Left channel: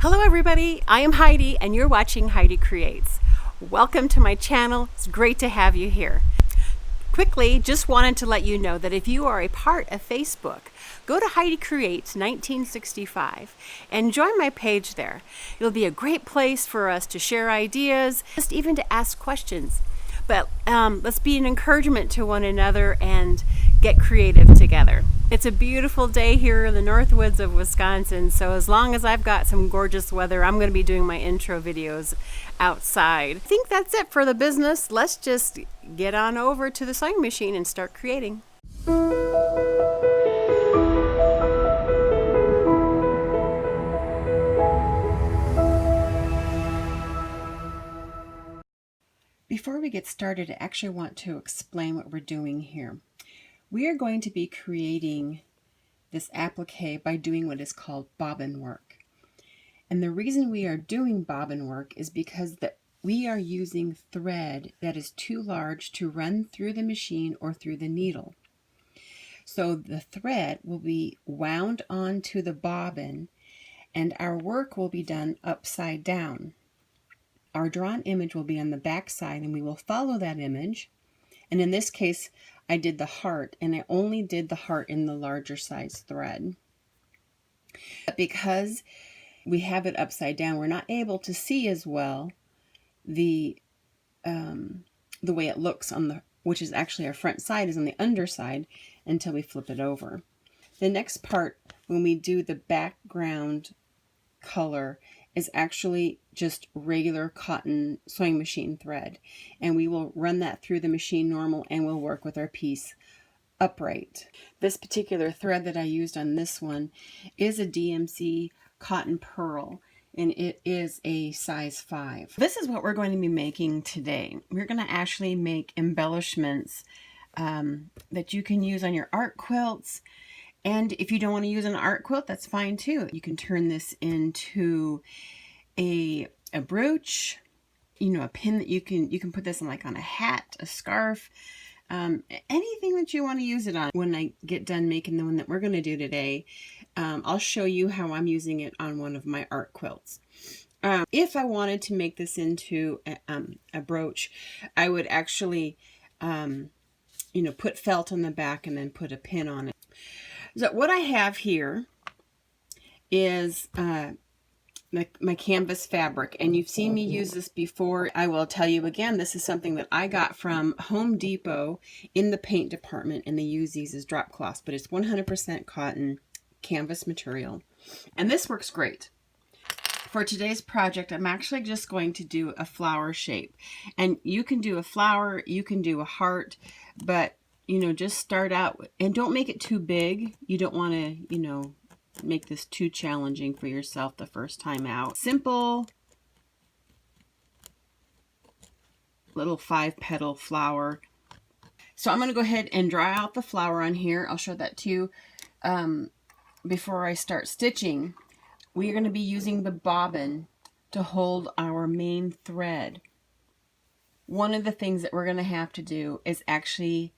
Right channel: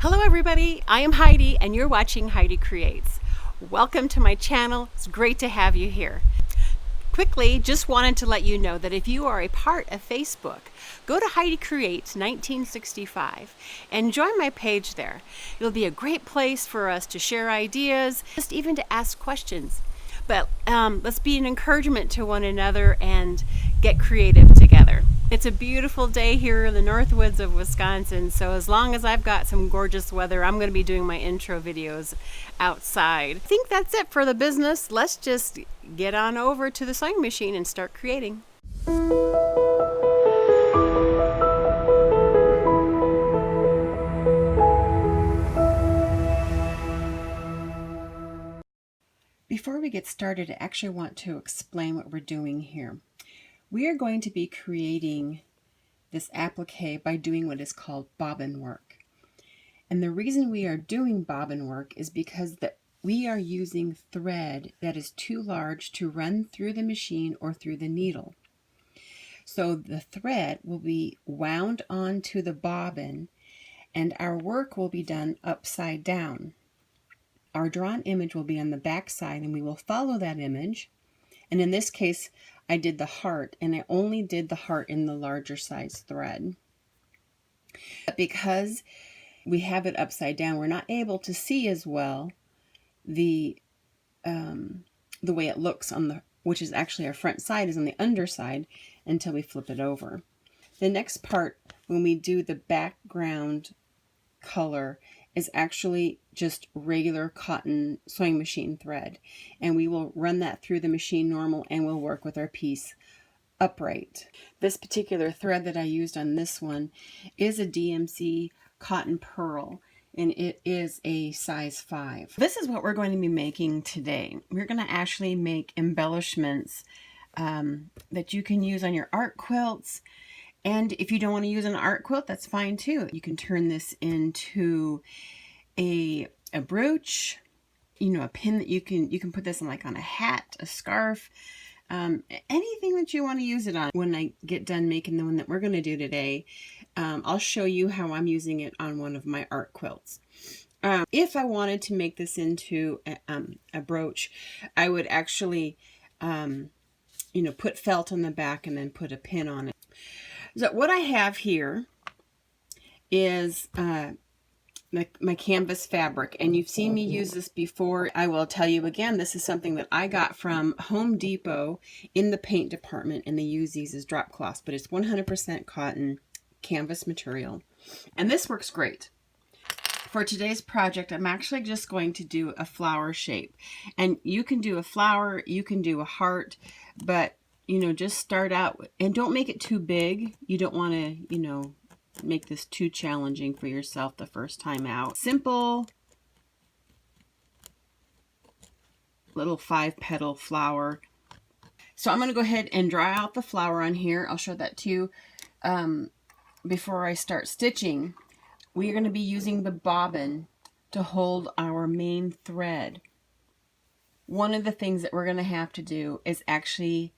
Hello everybody, I am Heidi and you're watching Heidi Creates. Welcome to my channel, it's great to have you here. Quickly, just wanted to let you know that if you are a part of Facebook, go to Heidi Creates 1965 and join my page there. It'll be a great place for us to share ideas, just even to ask questions. But let's be an encouragement to one another and get creative together. It's a beautiful day here in the North Woods of Wisconsin, so as long as I've got some gorgeous weather, I'm going to be doing my intro videos outside. I think that's it for the business. Let's just get on over to the sewing machine and start creating. Before we get started, I actually want to explain what we're doing here. We are going to be creating this applique by doing what is called bobbin work. And the reason we are doing bobbin work is because we are using thread that is too large to run through the machine or through the needle. So the thread will be wound onto the bobbin and our work will be done upside down. Our drawn image will be on the back side and we will follow that image. And in this case, I did the heart, and I only did the heart in the larger size thread. But because we have it upside down, we're not able to see as well the way it looks on the, which is actually our front side, is on the underside until we flip it over. The next part, when we do the background color, is actually just regular cotton sewing machine thread, and we will run that through the machine normal and we'll work with our piece upright. This particular thread that I used on this one is a DMC cotton pearl, and it is a size 5. This is what we're going to be making today. We're going to actually make embellishments that you can use on your art quilts. And if you don't want to use an art quilt, that's fine too. You can turn this into a brooch, you know, a pin that you can put this on, like on a hat, a scarf, anything that you want to use it on. When I get done making the one that we're going to do today, I'll show you how I'm using it on one of my art quilts. If I wanted to make this into a brooch, I would actually, you know, put felt on the back and then put a pin on it. So what I have here is my canvas fabric, and you've seen me use this before. I will tell you again, this is something that I got from Home Depot in the paint department, and they use these as drop cloths, but it's 100% cotton canvas material, and this works great. For today's project, I'm actually just going to do a flower shape, and you can do a flower, you can do a heart, but you know, just start out and don't make it too big. You don't want to, you know, make this too challenging for yourself the first time out. Simple little 5-petal flower. So I'm going to go ahead and draw out the flower on here. I'll show that to you before I start stitching. We are going to be using the bobbin to hold our main thread. One of the things that we're going to have to do is actually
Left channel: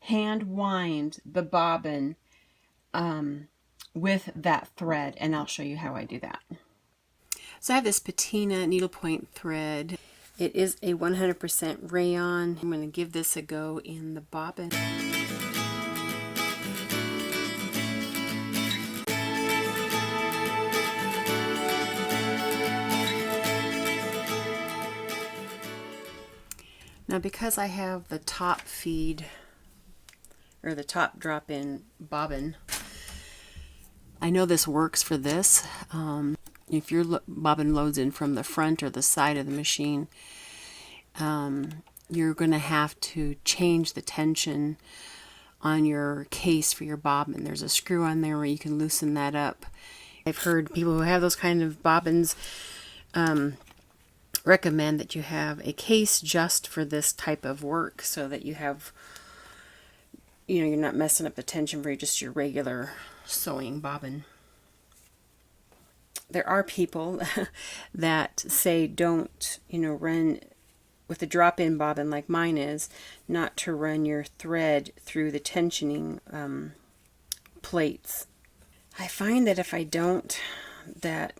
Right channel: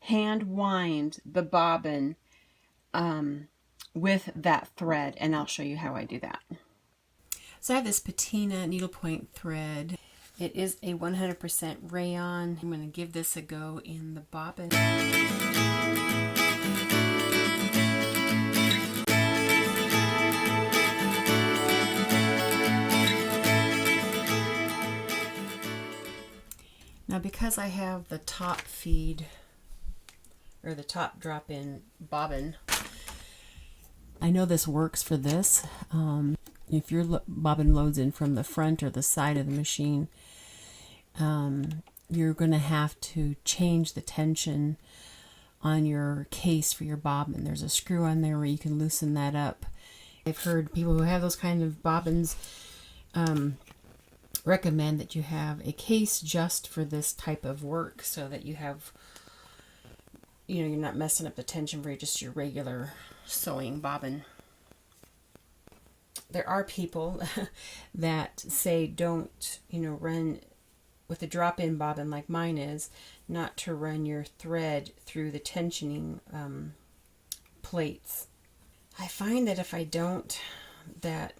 hand wind the bobbin with that thread, and I'll show you how I do that. So I have this patina needlepoint thread. It is a 100% rayon. I'm going to give this a go in the bobbin. Now because I have the top feed, or the top drop-in bobbin, I know this works for this. If your bobbin loads in from the front or the side of the machine, you're going to have to change the tension on your case for your bobbin. There's a screw on there where you can loosen that up. I've heard people who have those kind of bobbins recommend that you have a case just for this type of work, so that you have, you know, you're not messing up the tension for just your regular sewing bobbin. There are people that say don't, you know, run with a drop-in bobbin like mine is, not to run your thread through the tensioning plates. I find that if I don't, that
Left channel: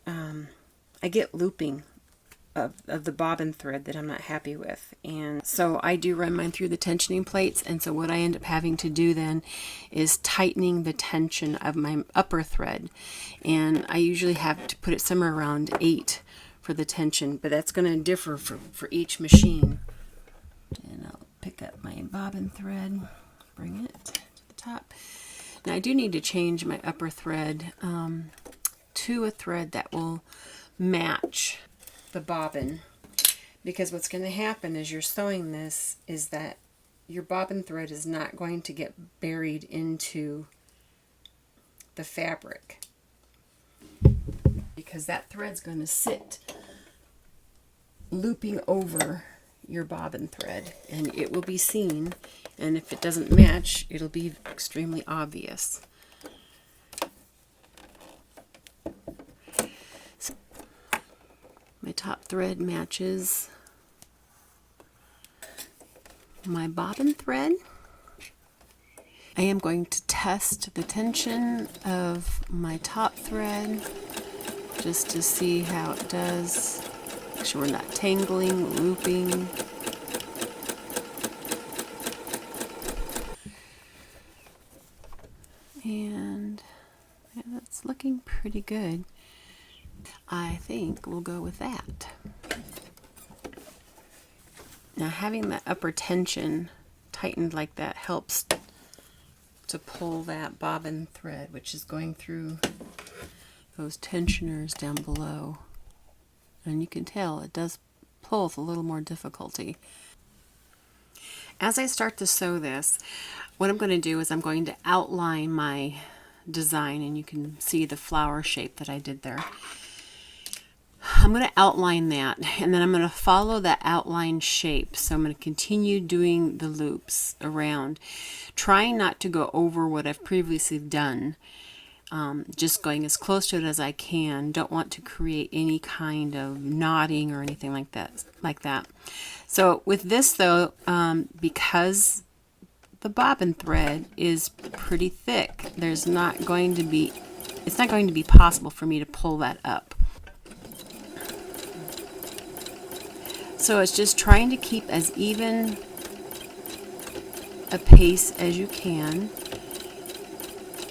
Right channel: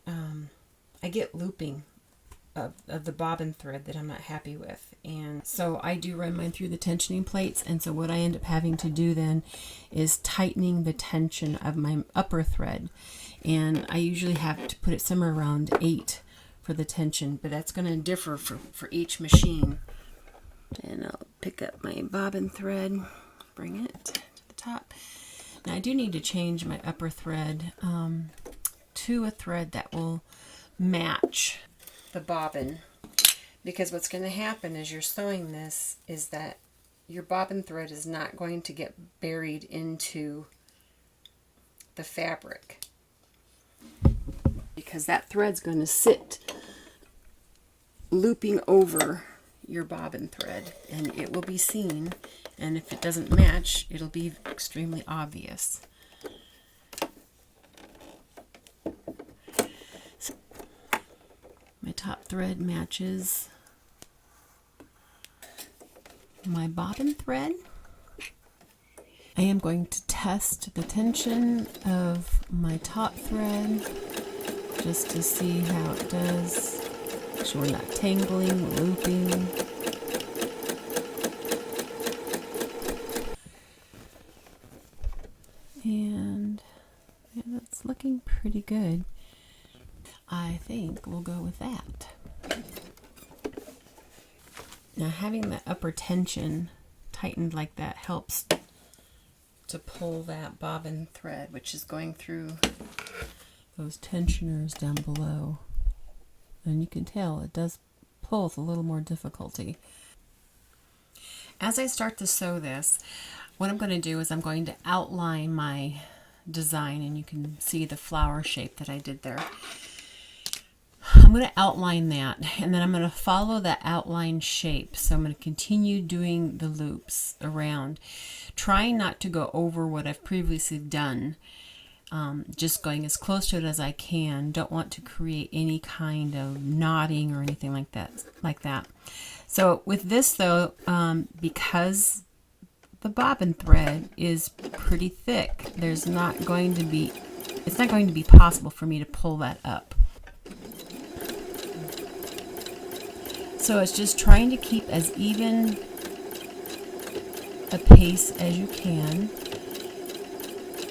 I get looping of the bobbin thread that I'm not happy with. And so I do run mine through the tensioning plates, and so what I end up having to do then is tightening the tension of my upper thread. And I usually have to put it somewhere around 8 for the tension, but that's going to differ for each machine. And I'll pick up my bobbin thread, bring it to the top. Now I do need to change my upper thread to a thread that will match the bobbin, because what's going to happen as you're sewing this is that your bobbin thread is not going to get buried into the fabric, because that thread's going to sit looping over your bobbin thread, and it will be seen, and if it doesn't match, it'll be extremely obvious. My top thread matches my bobbin thread. I am going to test the tension of my top thread just to see how it does. Make sure we're not tangling, looping. And yeah, that's looking pretty good. I think we'll go with that. Now having that upper tension tightened like that helps to pull that bobbin thread, which is going through those tensioners down below. And you can tell it does pull with a little more difficulty. As I start to sew this, what I'm going to do is I'm going to outline my design, and you can see the flower shape that I did there. I'm going to outline that, and then I'm going to follow that outline shape. So I'm going to continue doing the loops around, trying not to go over what I've previously done, just going as close to it as I can. Don't want to create any kind of knotting or anything like that. So with this though, because the bobbin thread is pretty thick, it's not going to be possible for me to pull that up. So it's just trying to keep as even a pace as you can.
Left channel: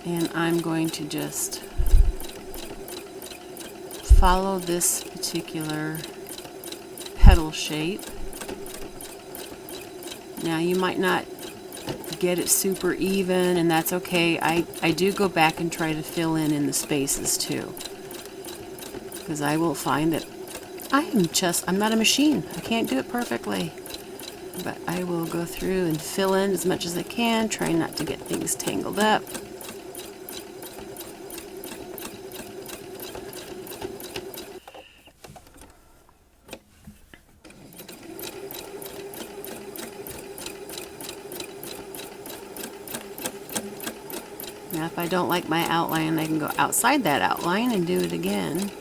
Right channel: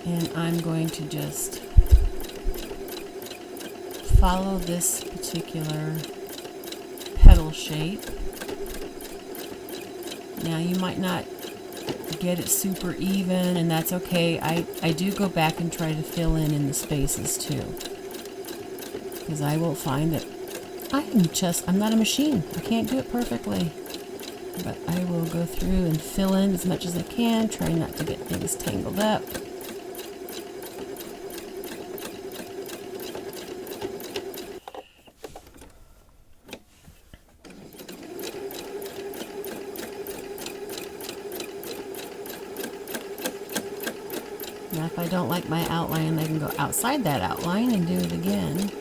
And I'm going to just follow this particular petal shape. Now you might not get it super even, and that's okay. I do go back and try to fill in the spaces too, because I will find that I'm not a machine. I can't do it perfectly. But I will go through and fill in as much as I can, try not to get things tangled up. Now if I don't like my outline, I can go outside that outline and do it again.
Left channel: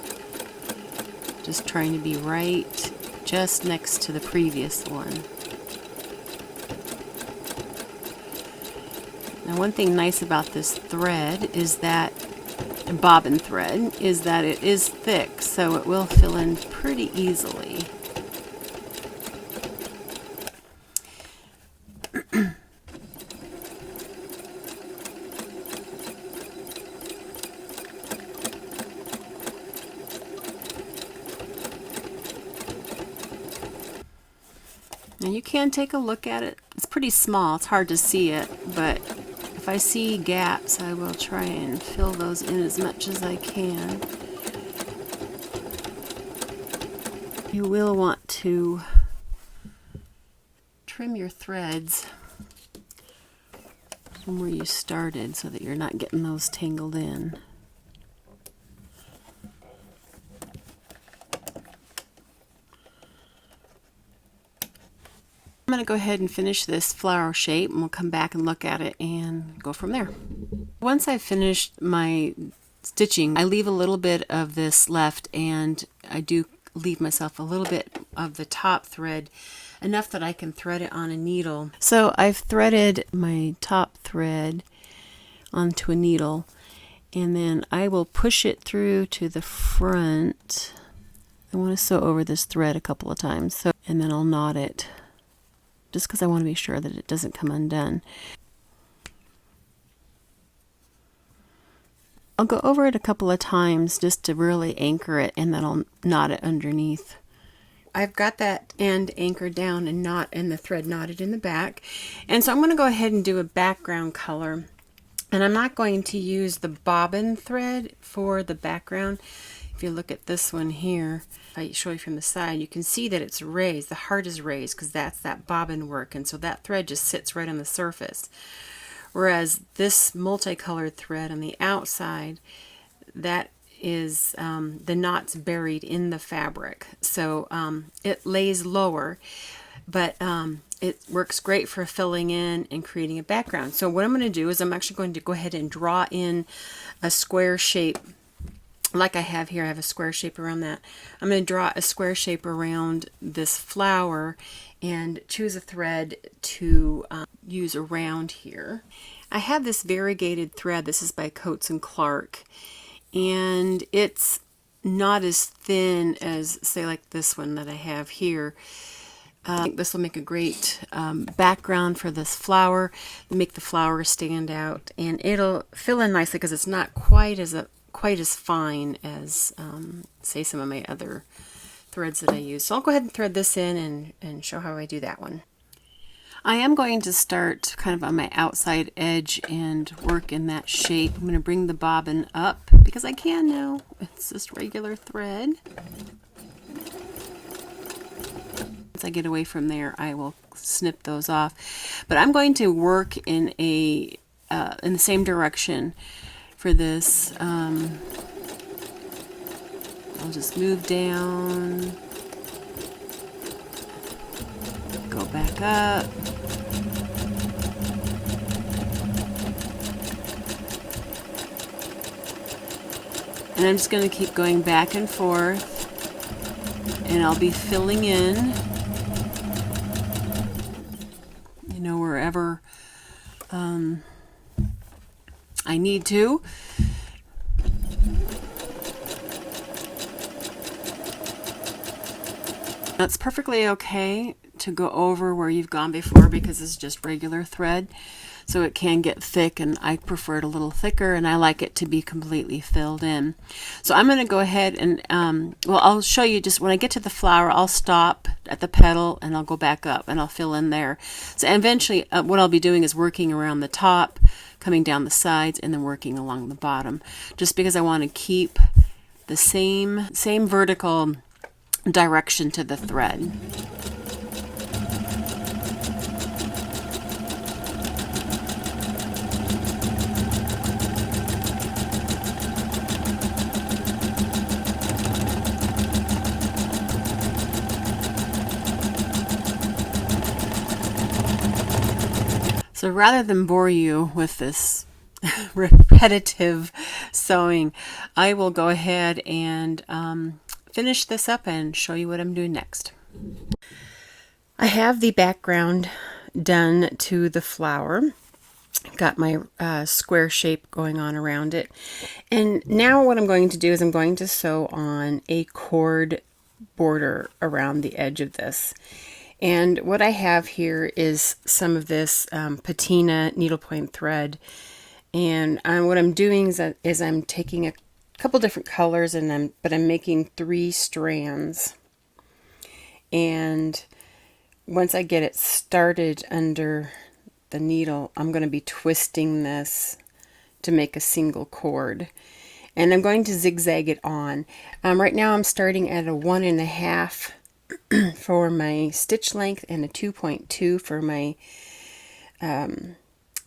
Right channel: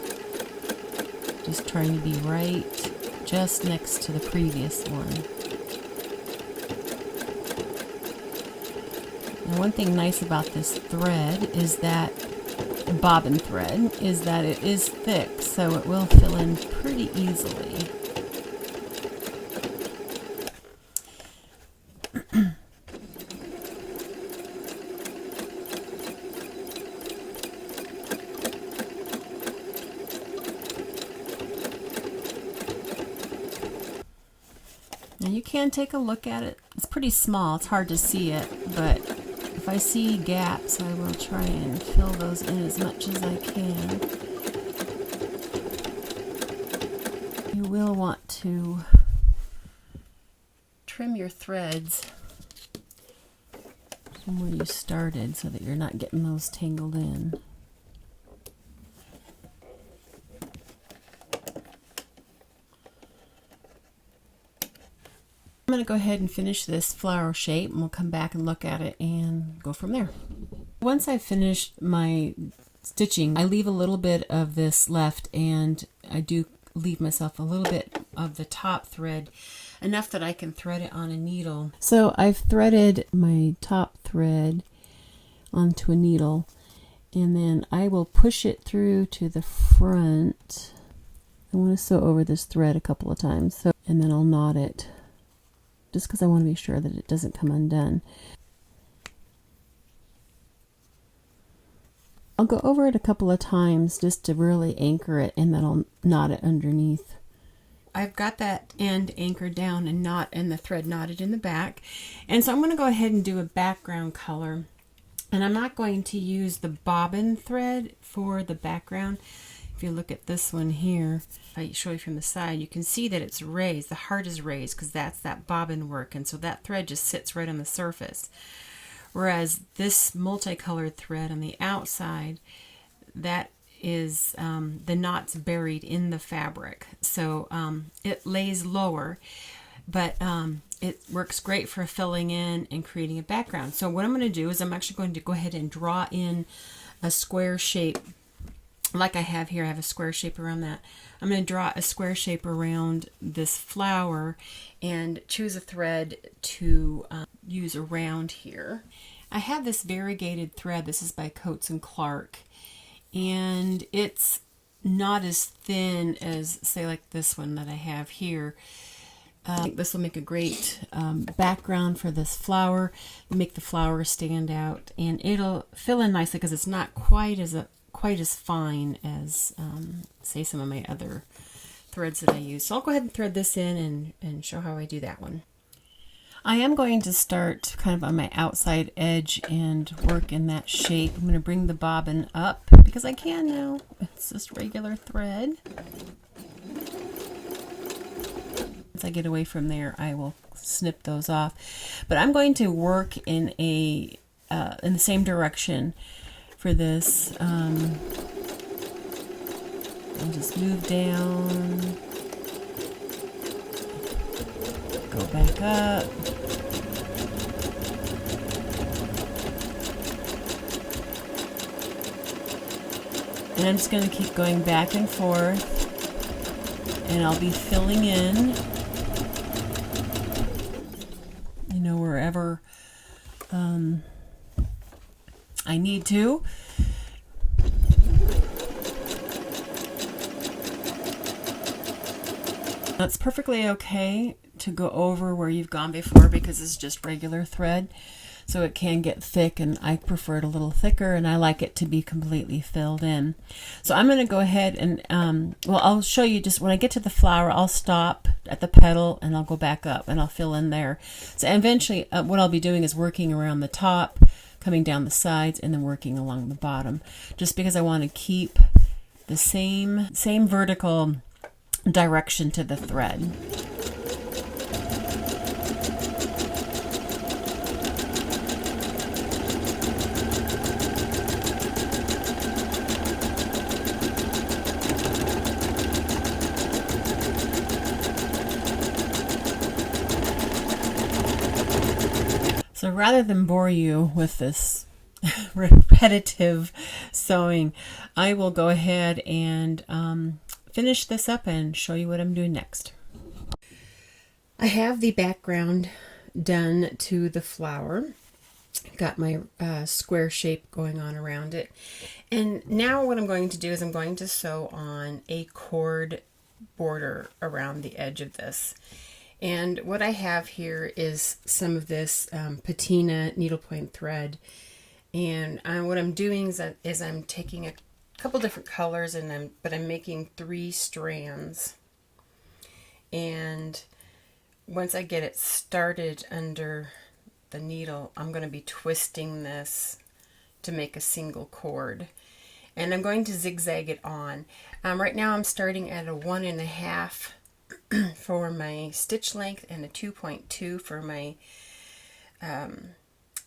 Just trying to be right just next to the previous one. Now one thing nice about this thread is that, bobbin thread, is that it is thick, so it will fill in pretty easily. Now you can take a look at it. It's pretty small, it's hard to see it, but if I see gaps, I will try and fill those in as much as I can. You will want to trim your threads from where you started so that you're not getting those tangled in. I'm going to go ahead and finish this flower shape, and we'll come back and look at it and go from there. Once I've finished my stitching, I leave a little bit of this left, and I do leave myself a little bit of the top thread, enough that I can thread it on a needle. So I've threaded my top thread onto a needle, and then I will push it through to the front I want to sew over this thread a couple of times, so, and then I'll knot it just because I want to be sure that it doesn't come undone. I'll go over it a couple of times just to really anchor it, and then I'll knot it underneath. I've got that end anchored down and the thread knotted in the back. And so I'm going to go ahead and do a background color. And I'm not going to use the bobbin thread for the background. If you look at this one here, if I show you from the side, you can see that it's raised. The heart is raised because that's that bobbin work. And so that thread just sits right on the surface. Whereas this multicolored thread on the outside, that is the knots buried in the fabric. So it lays lower, but it works great for filling in and creating a background. So what I'm going to do is I'm actually going to go ahead and draw in a square shape like I have here. I have a square shape around that. I'm going to draw a square shape around this flower and choose a thread to use around here. I have this variegated thread. This is by Coats and Clark, and it's not as thin as, say, like this one that I have here. I think this will make a great background for this flower, make the flower stand out, and it'll fill in nicely because it's not quite as fine as say some of my other threads that I use. So I'll go ahead and thread this in and show how I do that one. I am going to start kind of on my outside edge and work in that shape. I'm going to bring the bobbin up because I can now. It's just regular thread. Once I get away from there, I will snip those off. But I'm going to work in the same direction for this. I'll just move down, go back up. And I'm just going to keep going back and forth, and I'll be filling in, you know, wherever I need to. That's perfectly okay to go over where you've gone before because it's just regular thread, so it can get thick, and I prefer it a little thicker, and I like it to be completely filled in. So I'm going to go ahead and well, I'll show you just when I get to the flower. I'll stop at the petal and I'll go back up and I'll fill in there. So eventually what I'll be doing is working around the top, coming down the sides, and then working along the bottom, just because I want to keep the same vertical direction to the thread. So rather than bore you with this repetitive sewing, I will go ahead and finish this up and show you what I'm doing next. I have the background done to the flower. Got my square shape going on around it. And now what I'm going to do is I'm going to sew on a cord border around the edge of this. And what I have here is some of this patina needlepoint thread. And what I'm doing is I'm taking a couple different colors, but I'm making 3 strands. And once I get it started under the needle, I'm going to be twisting this to make a single cord. And I'm going to zigzag it on. Right now I'm starting at a 1.5 for my stitch length and a 2.2 for my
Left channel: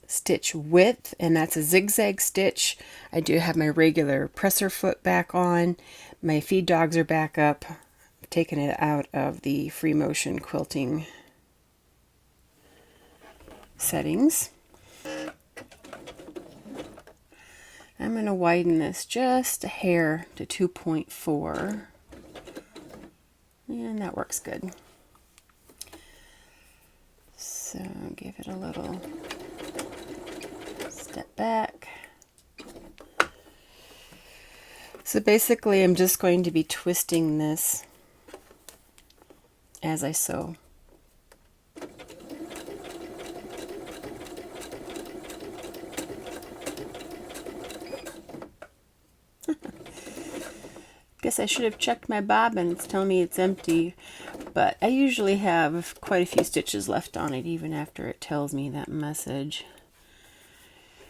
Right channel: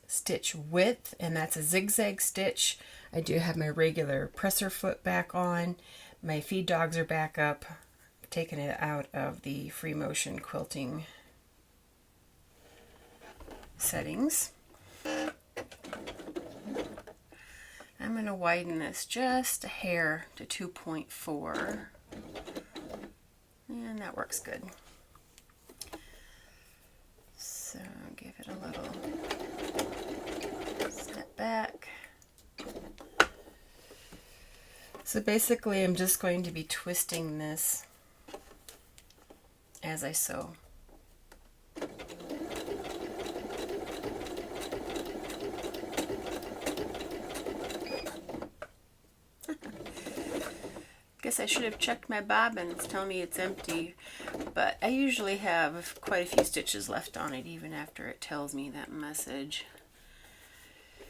stitch width, and that's a zigzag stitch. I do have my regular presser foot back on. My feed dogs are back up. I've taken it out of the free motion quilting settings. I'm going to widen this just a hair to 2.4, and that works good. So give it a little step back. So basically I'm just going to be twisting this as I sew. Guess I should have checked my bobbin. It's telling me it's empty, but I usually have quite a few stitches left on it even after it tells me that message.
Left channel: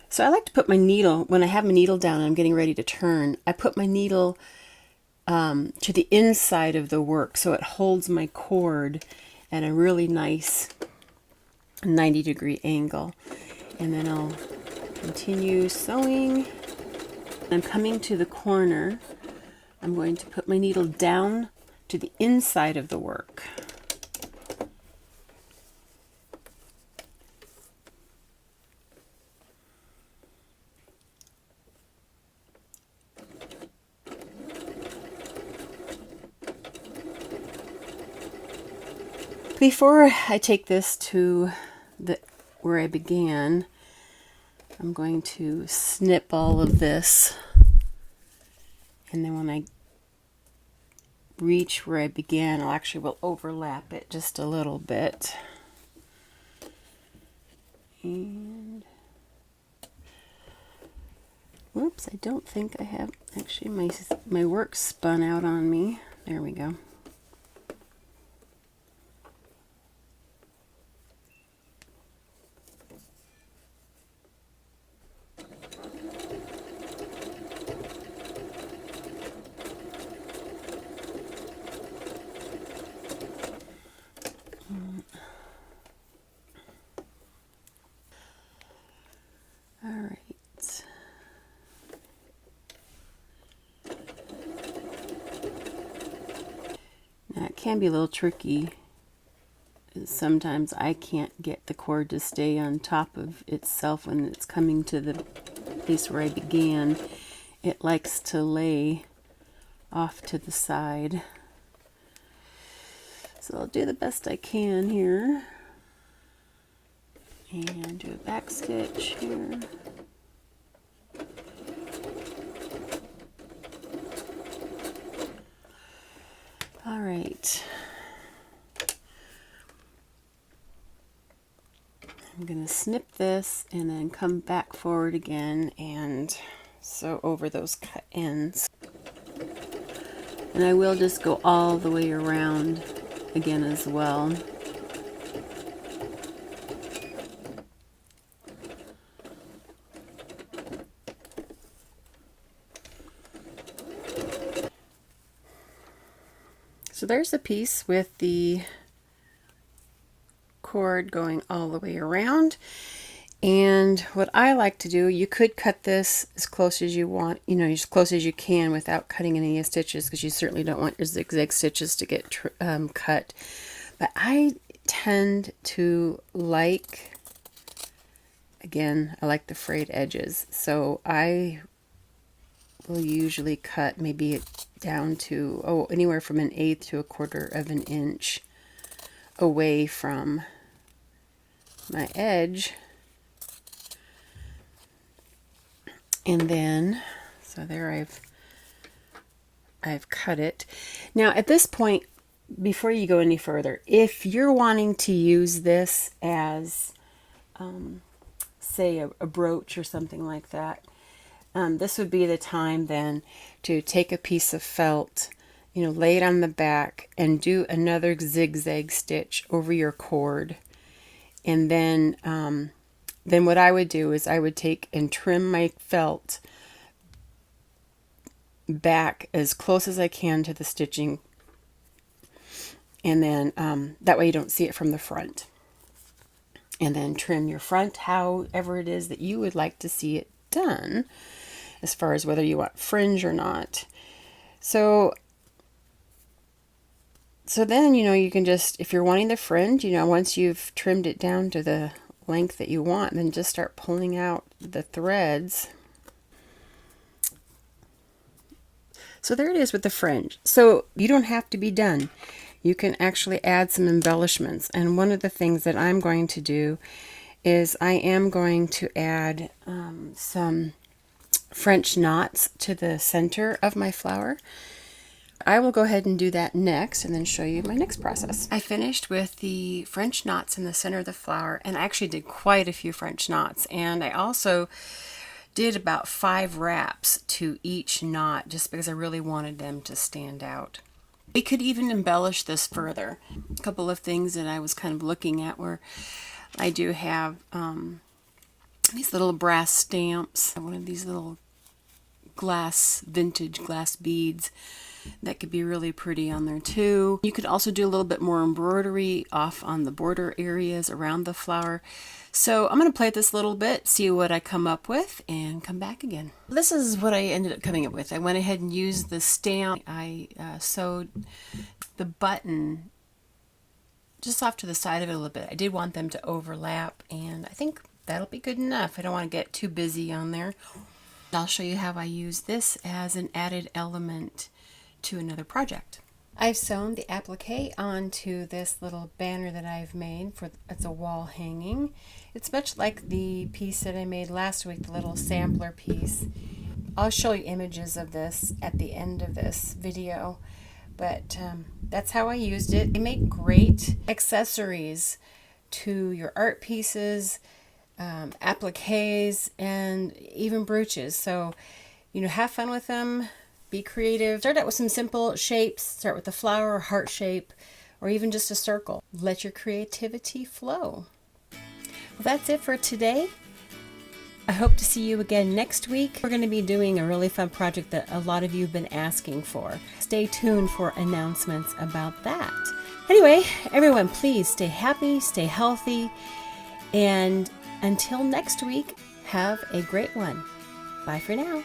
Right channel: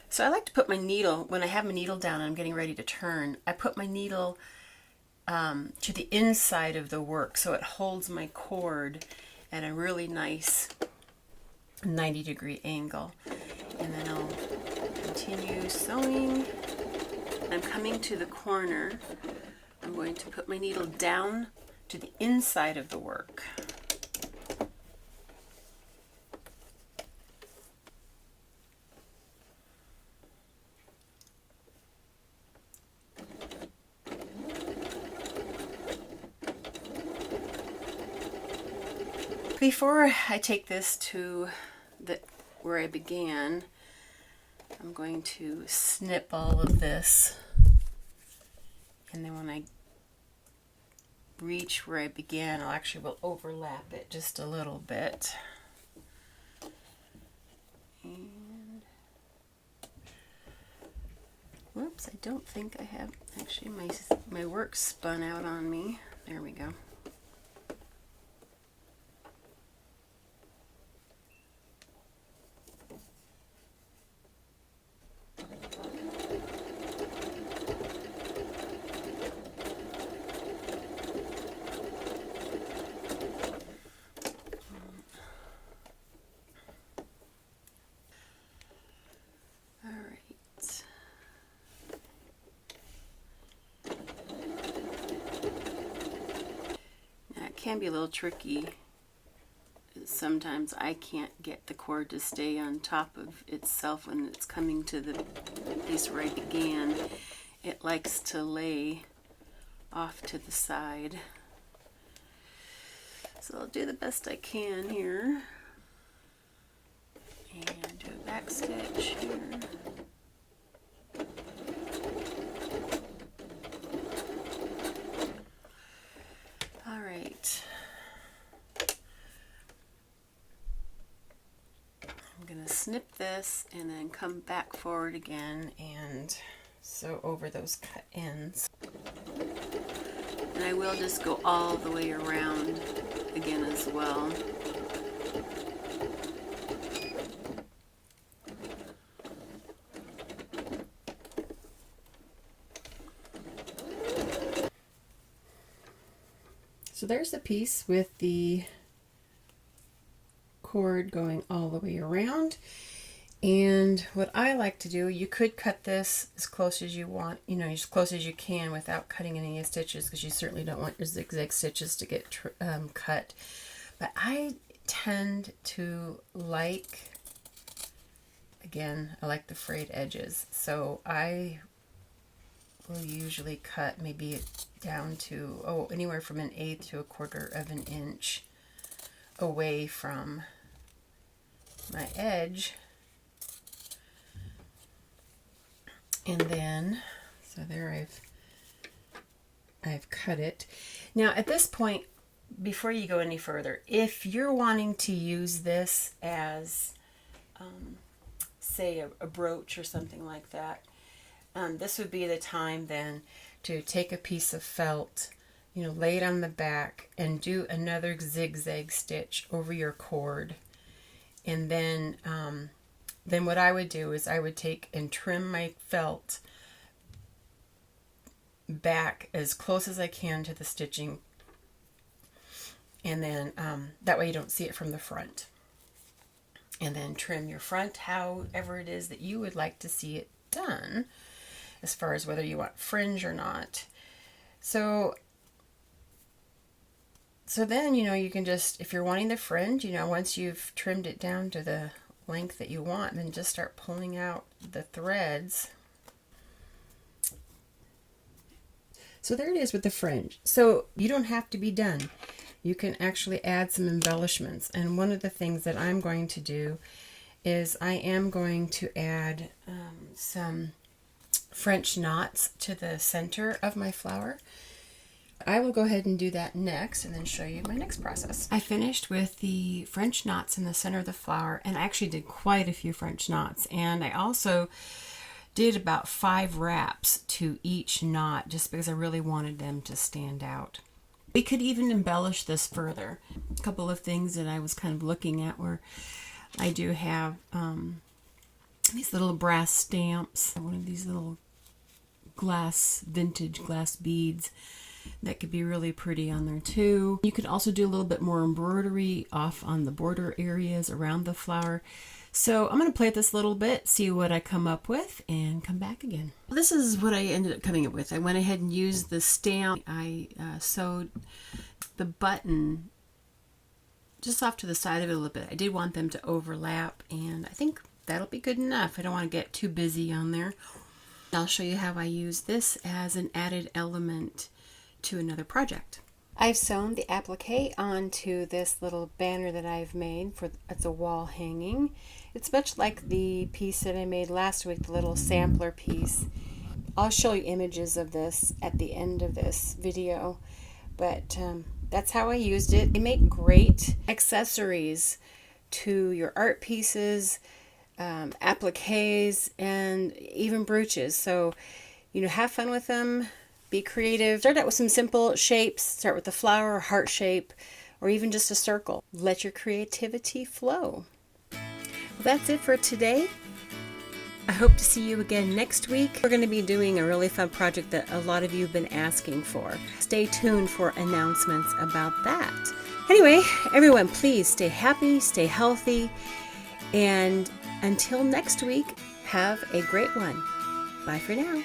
So I like to put my needle, when I have my needle down and I'm getting ready to turn, I put my needle to the inside of the work so it holds my cord at a really nice 90-degree angle. And then I'll continue sewing. I'm coming to the corner. I'm going to put my needle down to the inside of the work. Before I take this to where I began, I'm going to snip all of this, and then when I reach where I began, I actually will overlap it just a little bit. And whoops, I don't think I have, actually my work spun out on me. There we go. Can be a little tricky. Sometimes I can't get the cord to stay on top of itself when it's coming to the place where I began. It likes to lay off to the side. So I'll do the best I can here. And do a back stitch here. Alright, I'm going to snip this and then come back forward again and sew over those cut ends. And I will just go all the way around again as well. So there's a piece with the cord going all the way around. And what I like to do, you could cut this as close as you want, you know, as close as you can without cutting any stitches, because you certainly don't want your zigzag stitches to get cut. But I tend to like, again, I like the frayed edges. So I will usually cut maybe down to, anywhere from 1/8 to 1/4 of an inch away from my edge. And then, so there I've cut it. Now at this point, before you go any further, if you're wanting to use this as, say, a brooch or something like that, this would be the time then to take a piece of felt, you know, lay it on the back and do another zigzag stitch over your cord. And then what I would do is I would take and trim my felt back as close as I can to the stitching, and then that way you don't see it from the front. And then trim your front however it is that you would like to see it done, as far as whether you want fringe or not. So then, you know, you can just, if you're wanting the fringe, you know, once you've trimmed it down to the length that you want, then just start pulling out the threads. So there it is with the fringe. So you don't have to be done. You can actually add some embellishments. And one of the things that I'm going to do is I am going to add some French knots to the center of my flower. I will go ahead and do that next and then show you my next process. I finished with the French knots in the center of the flower, and I actually did quite a few French knots, and I also did about 5 wraps to each knot just because I really wanted them to stand out. We could even embellish this further. A couple of things that I was kind of looking at were I do have these little brass stamps, one of these little vintage glass beads that could be really pretty on there too. You could also do a little bit more embroidery off on the border areas around the flower. So I'm going to play with this a little bit, see what I come up with, and come back again. This is what I ended up coming up with. I went ahead and used the stamp. I sewed the button just off to the side of it a little bit. I did want them to overlap, and I think that'll be good enough. I don't want to get too busy on there. I'll show you how I use this as an added element to another project. I've sewn the applique onto this little banner that I've made for it's a wall hanging. It's much like the piece that I made last week, the little sampler piece. I'll show you images of this at the end of this video, but that's how I used it. They make great accessories to your art pieces, appliques, and even brooches. So, have fun with them. Be creative. Start out with some simple shapes. Start with a flower, heart shape, or even just a circle. Let your creativity flow. Well, that's it for today. I hope to see you again next week. We're going to be doing a really fun project that a lot of you have been asking for. Stay tuned for announcements about that. Anyway, everyone, please stay happy, stay healthy, and until next week, have a great one. Bye for now.